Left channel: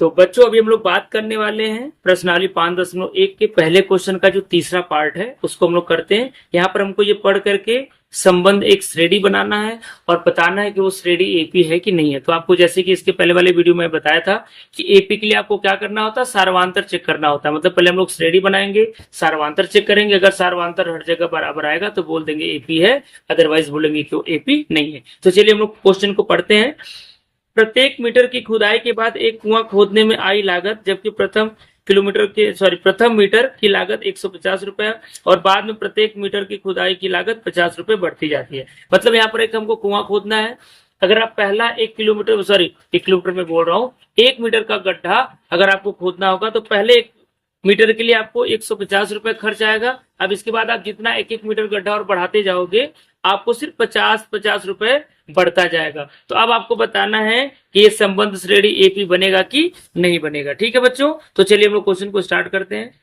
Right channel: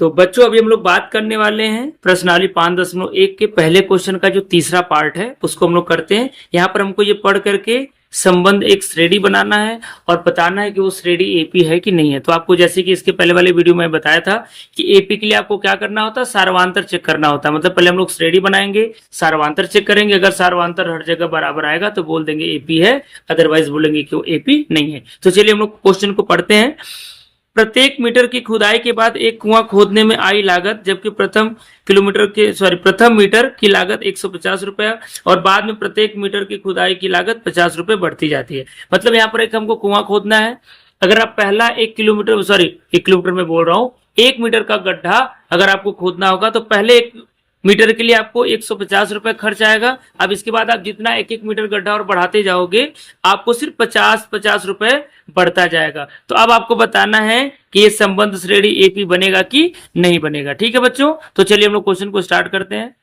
तो बच्चों अभी हम लोग बात करने वाले हैं प्रश्नावली 5.1 के पहले क्वेश्चन का जो तीसरा पार्ट है उसको हम लोग करते हैं। यहाँ पर हमको ये पढ़ करके संबंध एक श्रेणी बनाना है और बताना है कि वो श्रेणी एपी है कि नहीं है। तो आपको जैसे कि इसके पहले वाले वीडियो में बताया था कि एपी के लिए आपको क्या करना होता है, सार्वंतर चेक करना होता है। मतलब पहले हम लोग श्रेणी बनाएंगे, सार्वंतर चेक करेंगे, अगर सार्वंतर हर जगह बराबर आएगा तो बोल देंगे एपी है, अदरवाइज बोलेंगे कि वो एपी नहीं है। तो चलिए हम लोग क्वेश्चन को पढ़ते हैं। प्रत्येक मीटर की खुदाई के बाद एक कुआं खोदने में आई लागत, जबकि प्रथम मीटर की लागत 150 रुपया और बाद में प्रत्येक मीटर की खुदाई की लागत 50 रुपए बढ़ती जाती है। मतलब यहाँ पर एक हमको कुआं खोदना है। अगर आप पहला 1 किलोमीटर में बोल रहा हूँ, 1 मीटर का गड्ढा अगर आपको खोदना होगा तो पहले 1 मीटर के लिए आपको 150 रुपए खर्च आएगा। अब इसके बाद आप जितना 1-1 मीटर गड्ढा और बढ़ाते जाओगे आपको सिर्फ 50-50 रुपए बढ़ता जाएगा। तो अब आपको बताना है कि ये संबंध श्रेणी एपी बनेगा कि नहीं बनेगा। ठीक है बच्चों, तो चलिए हम लोग क्वेश्चन को स्टार्ट करते हैं।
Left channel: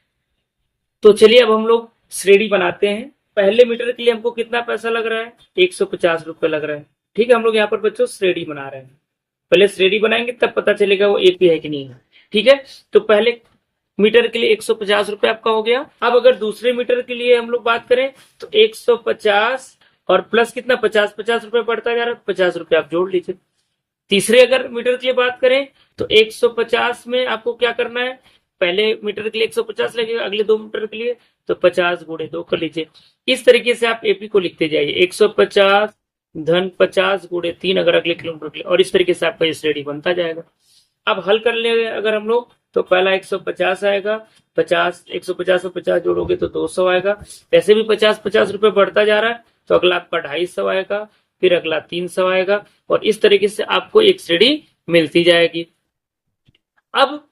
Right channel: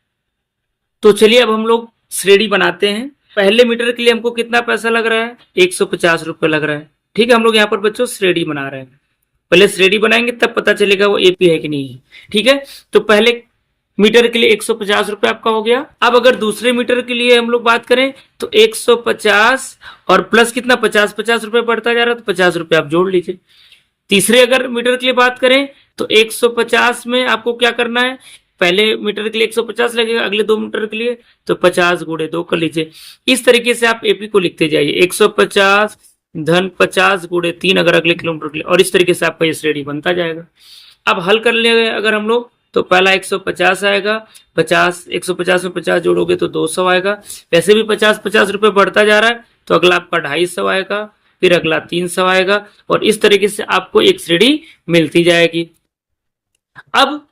तो चलिए अब हम लोग श्रेणी बनाते हैं। पहले मीटर के लिए हमको कितना पैसा लग रहा है, 150 रुपए लग रहा है। ठीक है, हम लोग यहाँ पर बच्चों श्रेणी बना रहे हैं। पहले श्रेणी बनाएंगे तब पता चलेगा वो एपी है कि नहीं है। ठीक है, तो पहले मीटर के लिए 150 रुपए आपका हो गया। अब अगर दूसरे मीटर के लिए हम लोग बात करें तो 150 और प्लस कितना 50-50 रुपए बढ़ता जा रहा है, तो 50 रुपए आप जोड़ लीजिए। तीसरे अगर मीटर के लिए बात करें तो 150 में आपको क्या करना है, पहले मीटर के लिए 150 लगेगा, अगले 2 मीटर के लिए तो 50 गुणे 2 कर लीजिए। इस तरीके से आप एपी को लिखते जाइए, 150 धन 50 गुणे 3 अगर अगले किलोमीटर के लिए, और इस तरीके से आपका ये श्रेणी बनता जाएगा। अब हल कर ले अगर हम लोग तो पहला 150 आएगा, 150 में 50 जोड़ोगे तो 200 आएगा। वैसे भी 50-50 रुपए बढ़ता जा रहा है तो अगला आपका 250 आएगा, फिर अगला 300 आएगा, और इस तरीके से आपको एक श्रेणी मिलती जाएगी। अब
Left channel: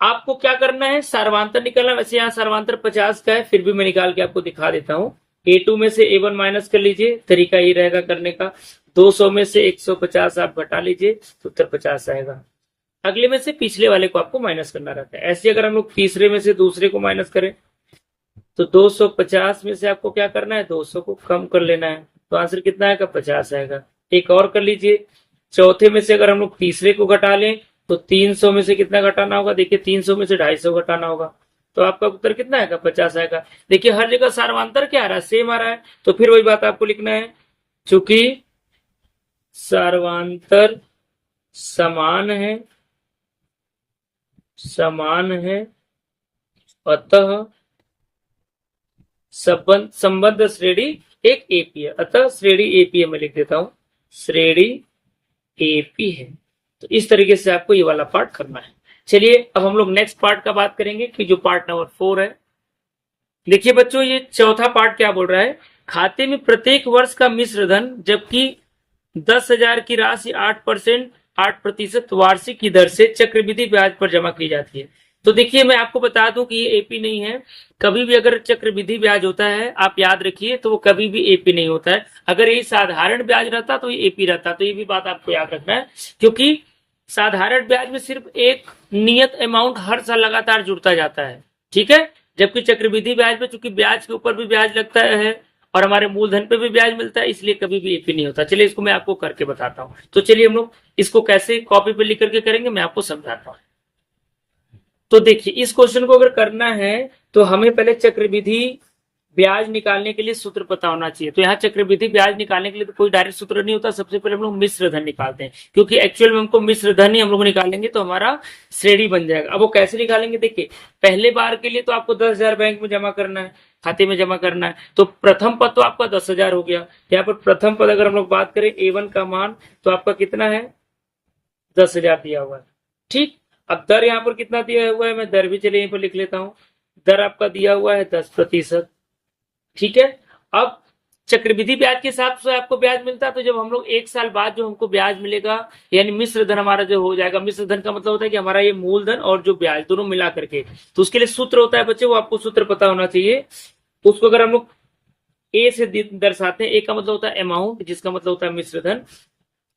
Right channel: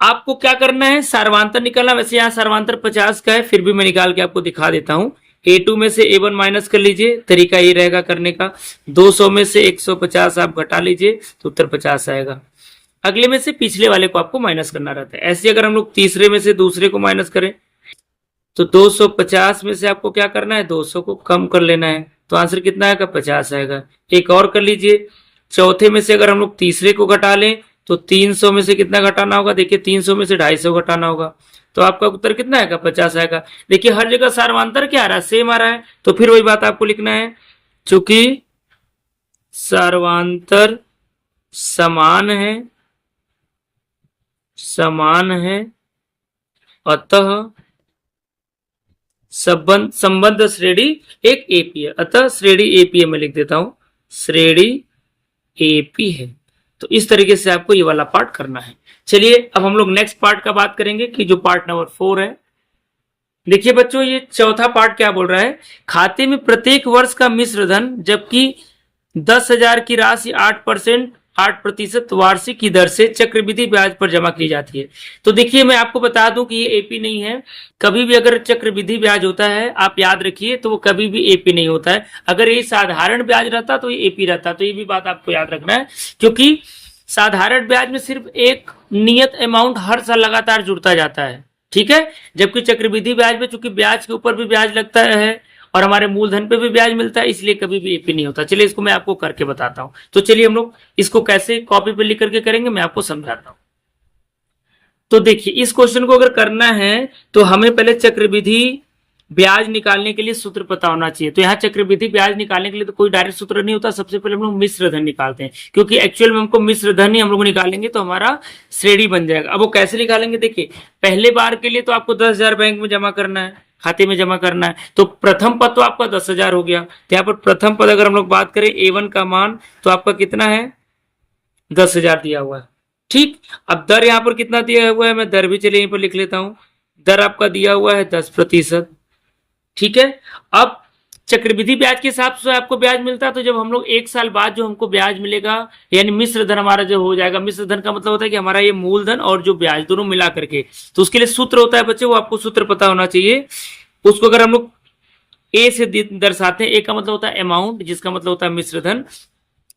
आपको क्या करना है, सार्वंतर निकालना। वैसे यहाँ सार्वंतर 50 का है, फिर भी मैं निकाल के आपको दिखा देता हूँ। A2 में से A1 माइनस कर लीजिए, तरीका ये रहेगा करने का। 200 में से 150 आप घटा लीजिए तो उत्तर 50 आएगा। अगले में से पिछले वाले को आपको माइनस करना रहता है। ऐसे अगर हम लोग तीसरे में से दूसरे को माइनस करें तो 250 में से आपको क्या करना है, 200 को कम कर लेना है, तो आंसर कितना आएगा, 50 आएगा। एक और कर लीजिए, चौथे में से अगर हम लोग तीसरे को घटा लें तो 300 में से कितना घटाना होगा, देखिए 300 में से 250 घटाना होगा, तो आपका उत्तर कितना आएगा, 50 आएगा। देखिए हर जगह सार्वंतर क्या आ रहा है, सेम आ रहा है, तो फिर वही बात आपको लिखना है, चूंकि सार्वंतर समान है अतः संबंध श्रेणी एक एपी है, अतः श्रेणी एपी है। मैं लिख देता हूं श्रेणी एपी है। तो इस तरीके से आपको ये वाला पार्ट करना है। चलिए अब हम लोग नेक्स्ट पार्ट का बात करेंगे कि जो पार्ट नंबर 4 है। देखिए बच्चों ये चौथा पार्ट क्या बोल रहा है, खाते में प्रत्येक वर्ष का मिश्र धन जबकि 10,000 की राशि 8% वार्षिक की दर से चक्रवृद्धि ब्याज पर जमा की जाती है। तो देखिए मैं आपको बता दूं कि ये एपी नहीं है। कभी भी अगर चक्रवृद्धि ब्याज होता है आप याद रखिए तो वो कभी भी एपी नहीं होता है। अगर ये साधारण ब्याज रहता तो ये एपी रहता, तो ये भी बात आपको याद रखना है, क्योंकि साधारण ब्याज में सिर्फ एक नियत अमाउंट हर साल लगातार जुड़ता जाता है। ठीक है, जबकि चक्रवृद्धि ब्याज में चूंकि ब्याज के ऊपर भी ब्याज लगता है और हमारे मूलधन पे भी ब्याज मिलता है, इसलिए कभी भी एपी नहीं होता। चलिए इसको मैं आपको करके बताता हूं। तो चलिए हम लोग इसको कैसे कॉपी पे लिख करके करेंगे मैं आपको समझाता हूं। तो देखिए इस क्वेश्चन को अगर करना है तो हमें पहले चक्रवृद्धि ब्याज निकालने के लिए सूत्र पता होना चाहिए। तो यहाँ चक्रवृद्धि ब्याज निकालने के लिए तो कोई डायरेक्ट सूत्र नहीं होता, सबसे पहले हम लोग मिश्र धन निकालते हैं, क्योंकि एक्चुअल में हमको मिश्र धन ही हम लोग निकालेंगे तो हमारा श्रेणी बन जाएगा। अब वो कैसे निकालेंगे, देखिए पहले बार के लिए तो आपको 10,000 बैंक में जमा करना है, खाते में जमा करना है। तो प्रथम पद तो आपका 10,000 हो गया। तो यहाँ पर प्रथम पद अगर हम लोग बात करें A1 का मान तो आपका कितना है, 10,000 दिया हुआ है। ठीक, अब दर यहाँ पर कितना दिया हुआ है, मैं दर भी चलिए यहीं पर लिख लेता हूं। दर आपका दिया हुआ है 10%। ठीक है, अब चक्रवृद्धि ब्याज के हिसाब से आपको ब्याज मिलता है, तो जब हम लोग 1 साल बाद जो हमको ब्याज मिलेगा यानी मिश्र धन हमारा जो हो जाएगा, मिश्र धन का मतलब होता है कि हमारा ये मूलधन और जो ब्याज दोनों मिला करके, तो उसके लिए सूत्र होता है बच्चे, वो आपको सूत्र पता होना चाहिए। उसको अगर हम लोग ए से दर्शाते हैं, ए का मतलब होता है अमाउंट, जिसका मतलब होता है मिश्र धन।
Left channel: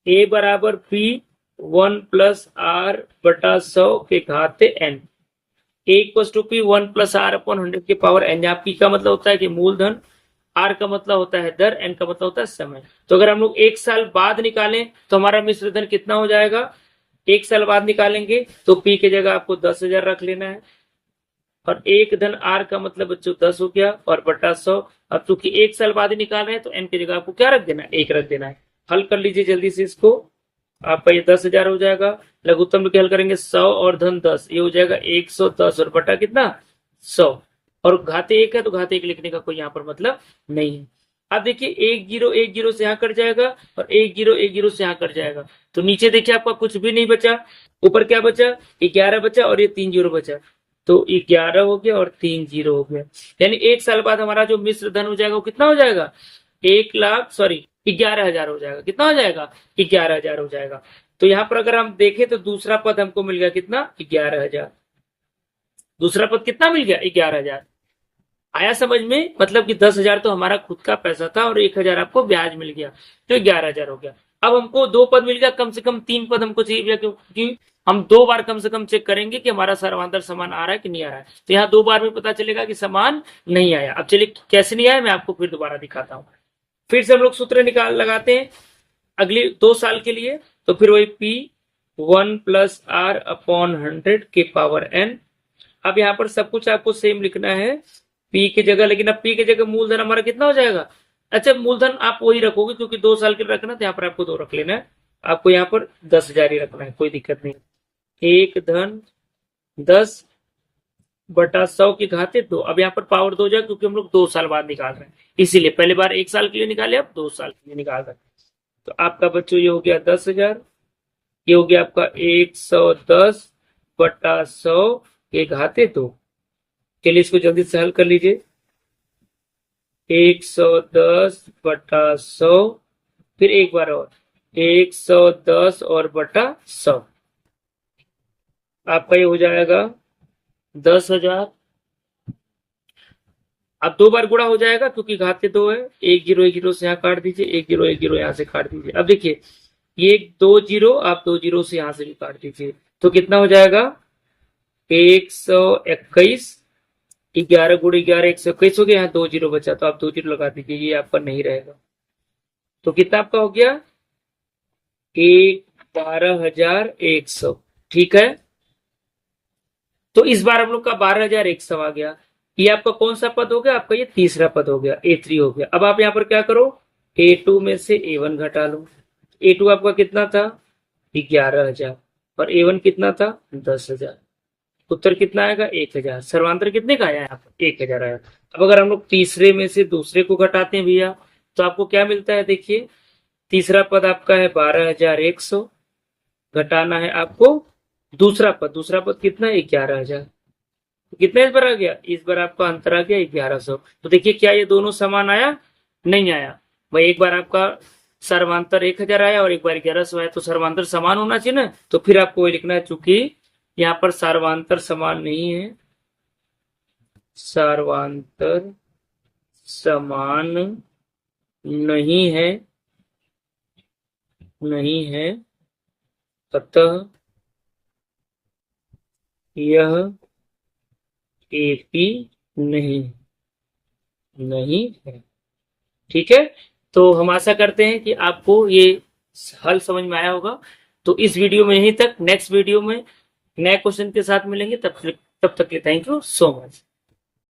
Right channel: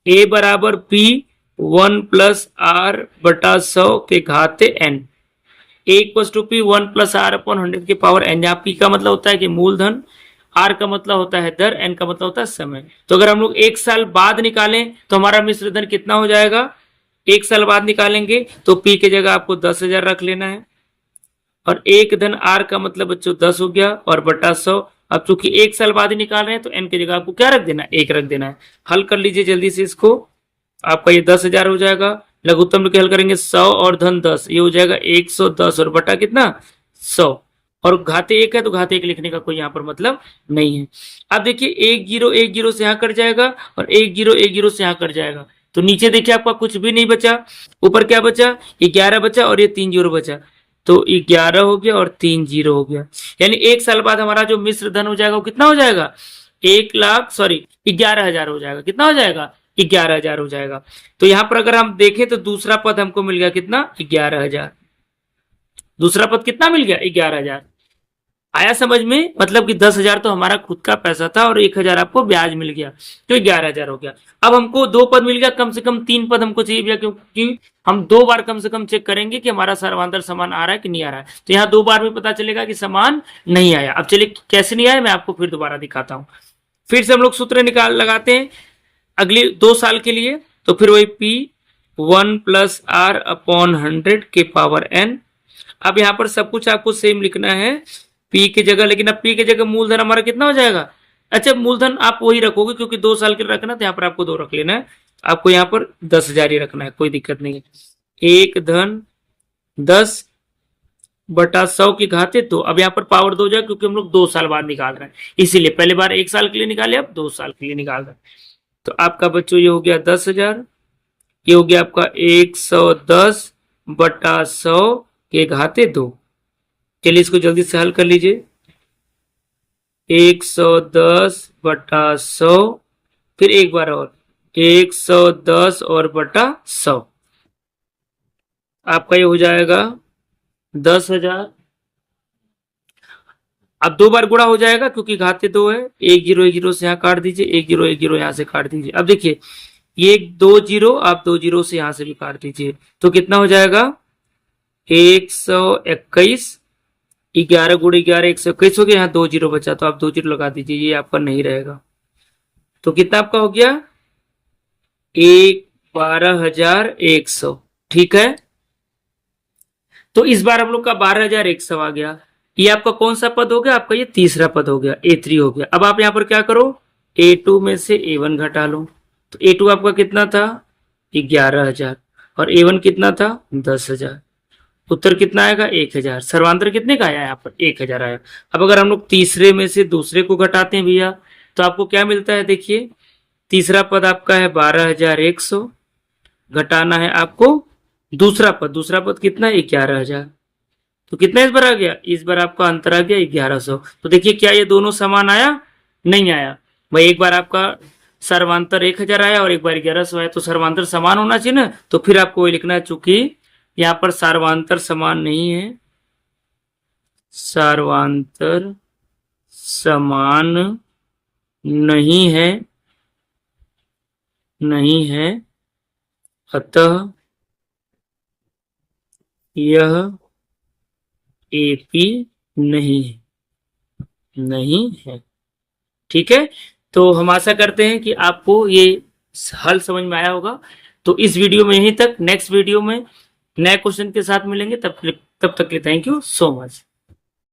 ए बराबर P 1 + R/100 के घाते n, A = P 1 + R/100 के पावर n, जहाँ P का मतलब होता है कि मूलधन, R का मतलब होता है दर, n का मतलब होता है समय। तो अगर हम लोग 1 साल बाद निकालें तो हमारा मिश्र धन कितना हो जाएगा, 1 साल बाद निकालेंगे तो P की जगह आपको 10,000 रख लेना है, और 1 धन R का मतलब बच्चों 10 हो गया और बटा 100। अब चूंकि 1 साल बाद ही निकाल रहे हैं तो N की जगह आपको क्या रख देना है, 1 रख देना है। हल कर लीजिए जल्दी से इसको, आपका ये 10,000 हो जाएगा। लघुत्तम के हल करेंगे 100 और धन 10, ये हो जाएगा 110 और बटा कितना 100, और घाते 1 है तो घाते 1 लिखने का कोई यहाँ पर मतलब नहीं है। अब देखिए 1 0 1 0 से यहाँ कट जाएगा और 1 0 1 0 से यहाँ कट जाएगा, तो नीचे देखिए आपका कुछ भी नहीं बचा, ऊपर क्या बचा 11 बचा और ये 3 0 बचा, तो 11 हो गया और 3 0 हो गया। यानी 1 साल बाद हमारा जो मिश्र धन हो जाएगा वो कितना हो जाएगा, 11,000 हो जाएगा। कितना हो जाएगा, 11,000 हो जाएगा। तो यहाँ पर अगर हम देखें तो दूसरा पद हमको मिल गया कितना, 11,000। दूसरा पद कितना मिल गया, 11,000। आया समझ में, मतलब कि 10,000 तो हमारा खुद का पैसा था और 1,000 आपको ब्याज मिल गया, तो 11,000 हो गया। अब हमको 2 पद मिल गया, कम से कम 3 पद हमको चाहिए भैया, क्योंकि हम 2 बार कम से कम चेक करेंगे कि हमारा सर्वांतर समान आ रहा है कि नहीं आ रहा है। तो यहाँ 2 बार में पता चलेगा कि समान नहीं आया। अब चलिए कैसे नहीं आया मैं आपको फिर दोबारा दिखाता हूँ। फिर से हम लोग सूत्र निकाल लगाते हैं अगली 2 साल के लिए, तो फिर वही P 1 + R/100 के पावर n। अब यहाँ पर सब कुछ आपको सेम लिखना है P की जगह, लेकिन अब P की जगह मूलधन हमारा कितना हो जाएगा, अच्छा मूलधन आप वही रखोगे क्योंकि 2 साल के लिए रखना, तो यहाँ पर आपको 2 रख लेना है। आपको यहाँ पर 10,000 ही रखना है, कोई दिक्कत नहीं है। 1 धन 10 बटा 100 की घाते 2। अब यहाँ पर पावर 2 हो जाएगा क्योंकि हम लोग 2 साल बाद निकाल रहे हैं, इसीलिए पहले बार 1 साल के लिए निकाले, अब 2 साल के लिए निकाल रहे हैं। तो आपका बच्चों ये हो गया 10,000, ये हो गया आपका 110 बटा 100 के घाते 2। चलिए इसको जल्दी से हल कर लीजिए। 110 बटा 100, फिर एक बार और 110 और बटा 100, आपका ये हो जाएगा 10,000। अब 2 बार गुणा हो जाएगा क्योंकि घाते 2 है, 1 0 1 0 से यहाँ काट दीजिए, 1 0 1 0 यहाँ से काट दीजिए। अब देखिए ये 2 0, आप 2 0 से यहाँ से भी काट दीजिए, तो कितना हो जाएगा 121। 11 × 11 121 हो गया, यहाँ 2 0 बचा तो आप 2 0 लगा दीजिए, ये आपका नहीं रहेगा। तो कितना आपका हो गया 12,100। ठीक है, तो इस बार हम लोग का 12,100 आ गया। ये आपका कौन सा पद हो गया, आपका ये तीसरा पद हो गया, A3 हो गया। अब आप यहाँ पर क्या करो, A2 में से A1 घटा लो, तो A2 आपका कितना था 11,000 और A1 कितना था 10,000। उत्तर कितना आएगा 1,000। सर्वांतर कितने का आया यहाँ पर 1,000 आया। अब अगर हम लोग तीसरे में से दूसरे को घटाते हैं भैया तो आपको क्या मिलता है, देखिए तीसरा पद आपका है 12,100, घटाना है आपको दूसरा पद कितना है 11,000, तो कितना इस बार आ गया, इस बार आपका अंतर आ गया 1,100। तो देखिए क्या ये दोनों समान आया, नहीं आया भाई। एक बार आपका सर्वांतर 1,000 आया और एक बार 1,100 आया, तो सर्वांतर समान होना चाहिए ना, तो फिर आपको वही लिखना है, चूंकि यहाँ पर सर्वांतर समान नहीं है, सर्वांतर समान नहीं है, अतः यह AP नहीं है। ठीक है, तो हम आशा करते हैं कि आपको ये हल समझ में आया होगा। तो इस वीडियो में यहीं तक, नेक्स्ट वीडियो में नए क्वेश्चन के साथ मिलेंगे, तब तक के लिए थैंक यू सो मच।